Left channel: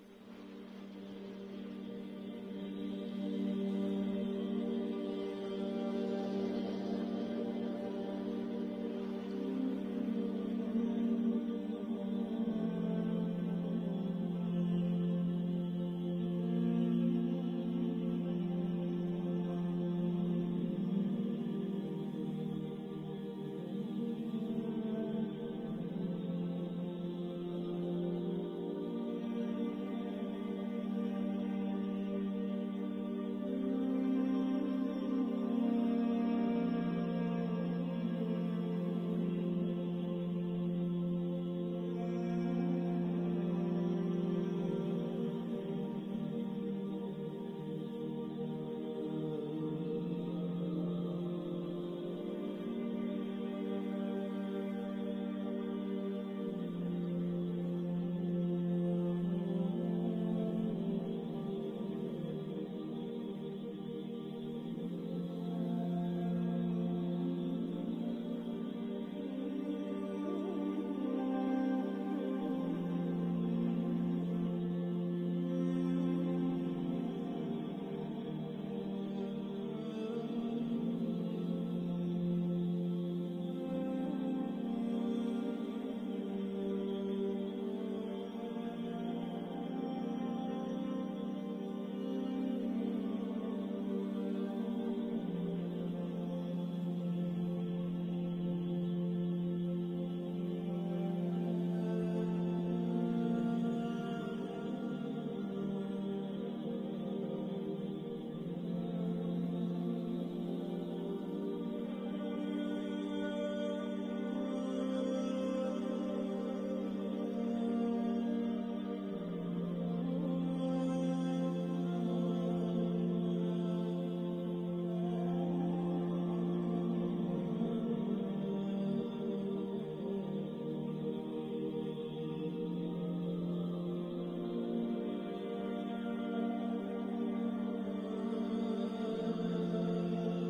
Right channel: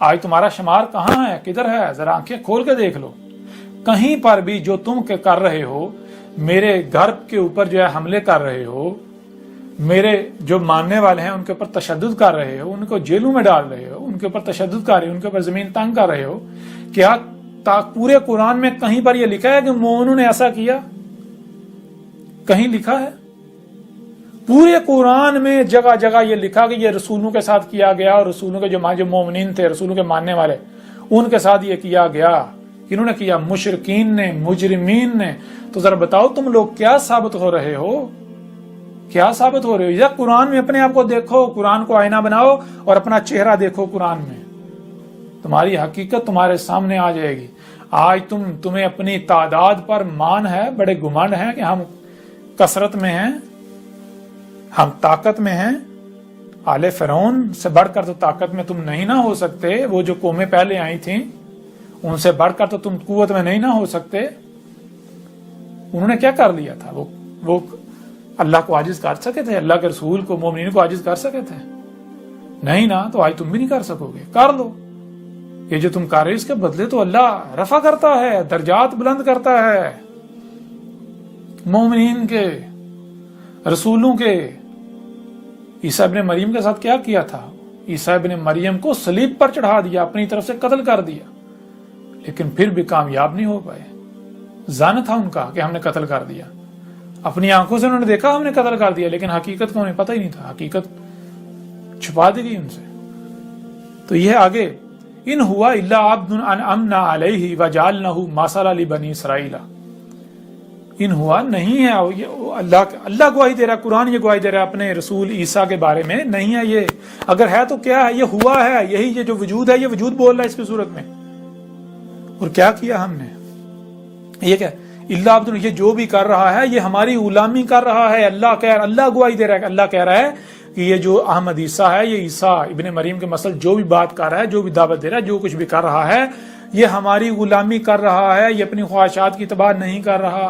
آج تمہارا شمار کہاں ہے، کدھر ہے؟ ذرا آنکھیں کھول کے دیکھ لو۔ کہیں پر بھی جو تم کر رہے ہو، میرے گھر کے اوپر جو ہے حملے کر رہے ہو، میرے جو ماننے والے ہیں ان کے اوپر تشدد کر رہے ہو، ان کو جیلوں میں ڈال رہے ہو، ان کے اوپر تشدد کر رہے ہو، ان کے اوپر زمین تنگ کر رہے ہو، کیا پورے قرآن میں کہیں پر یہ لکھا ہے کہ مومنوں نے ایسا کیا؟ کہیں لکھا ہے؟ پورے قرآن میں جگہ جگہ یہ لکھا کہ یہ رسولوں کے ساتھ کیا گیا، اور رسولوں کے جو مومنین تھے، رسولوں کے ماننے والے، ان کے ساتھ یہ کیا گیا۔ کنہوں نے کیا؟ مشرکین نے، مجرمین نے۔ تو ذرا بتاؤ تم لوگ کیا ثابت ہو رہے ہو؟ کیا ثابت ہو رہے ہو؟ یا قرآن میں اپنے آپ کو دیکھو، قرآن کو آئینہ بناؤ اور اپنا چہرہ دیکھو قرآن میں، تمہاری حقیقت تمہارے سامنے آ جائے گی۔ آج تمہیں اپنی تعداد پر مان ہے، بڑے گمنڈ ہیں کہ ہم کثرت میں ہیں، ہم طاقت میں ہیں۔ آل فرعون سے بڑھ کر تو طاقت میں تم نہیں نہ ہو سکتے، وہ جو قومیں پہلے آئی تھیں ان سے بڑھ کر تو تم قوت میں نہیں نہ ہو سکتے۔ انہوں نے کیا کر لیا تھا؟ وہ اللہ کو عاجز کر سکے تھے؟ اللہ کے رسول کو، مومنین کو عاجز کر سکے تھے؟ نہیں نا، تو آج تم بھی نہیں کر سکو گے۔ کر لو، یہ جو تم کر رہے اس کے بدلے تو اللہ رفع کرتا ہے، درجات بلند کرتا ہے مومنین کے، رسولوں کے۔ عیسیٰ ابن مریم کے ساتھ کیا کیا تھا؟ عیسیٰ ابن مریم کو صلیب پر چڑھا دیا، اپنی طرف سے قتل کر دیا، لیکن پھر بھی کامیاب نہیں ہو پائے۔ ظن تھا ان کا کہ ہم نے قتل کر دیا، اپنی آنکھوں سے انہوں نے دیکھا ہم نے قتل کر دیا، لیکن حقیقت کو انہیں پتہ ہی نہیں تھا، حقیقت چھپا دی گئی ان سے۔ تو یہ آگے ان ہوا الا عبد انعمنا علیہ وجعلنہ مثلا لبنی اسرائیل، ان ہوا نہیں ہے، اللہ گواہی دے رہا ہے، قرآن یہ گواہی دے رہا ہے اپنے رسول عیسیٰ کے بارے میں، نہیں ہے یہ، اگر ہے تو کیا ہے؟ یہ ہوا ہے، یہی یہ جو وجود ہے، یہ وجود بول رہا ہے اس کی صورت میں۔ اور کیا کیا ہم نے؟ یہ کیا اللہ عبد، یہ جو بھی کر رہا ہے یہ ہماری غلامی کر رہا ہے۔ اللہ گواہی دے رہا ہے، اللہ کہہ رہا ہے کہ یہ جو احمد عیسیٰ ہے، یہ عیسیٰ ابن مریم کے مسئلہ جو بھی بات کر رہا ہے، جو بھی دعوت دے رہا ہے، جو کچھ بھی کر رہا ہے، یہ ہماری غلامی کر رہا ہے، یہ اپنی خواہشات کی اتباع نہیں کر رہا۔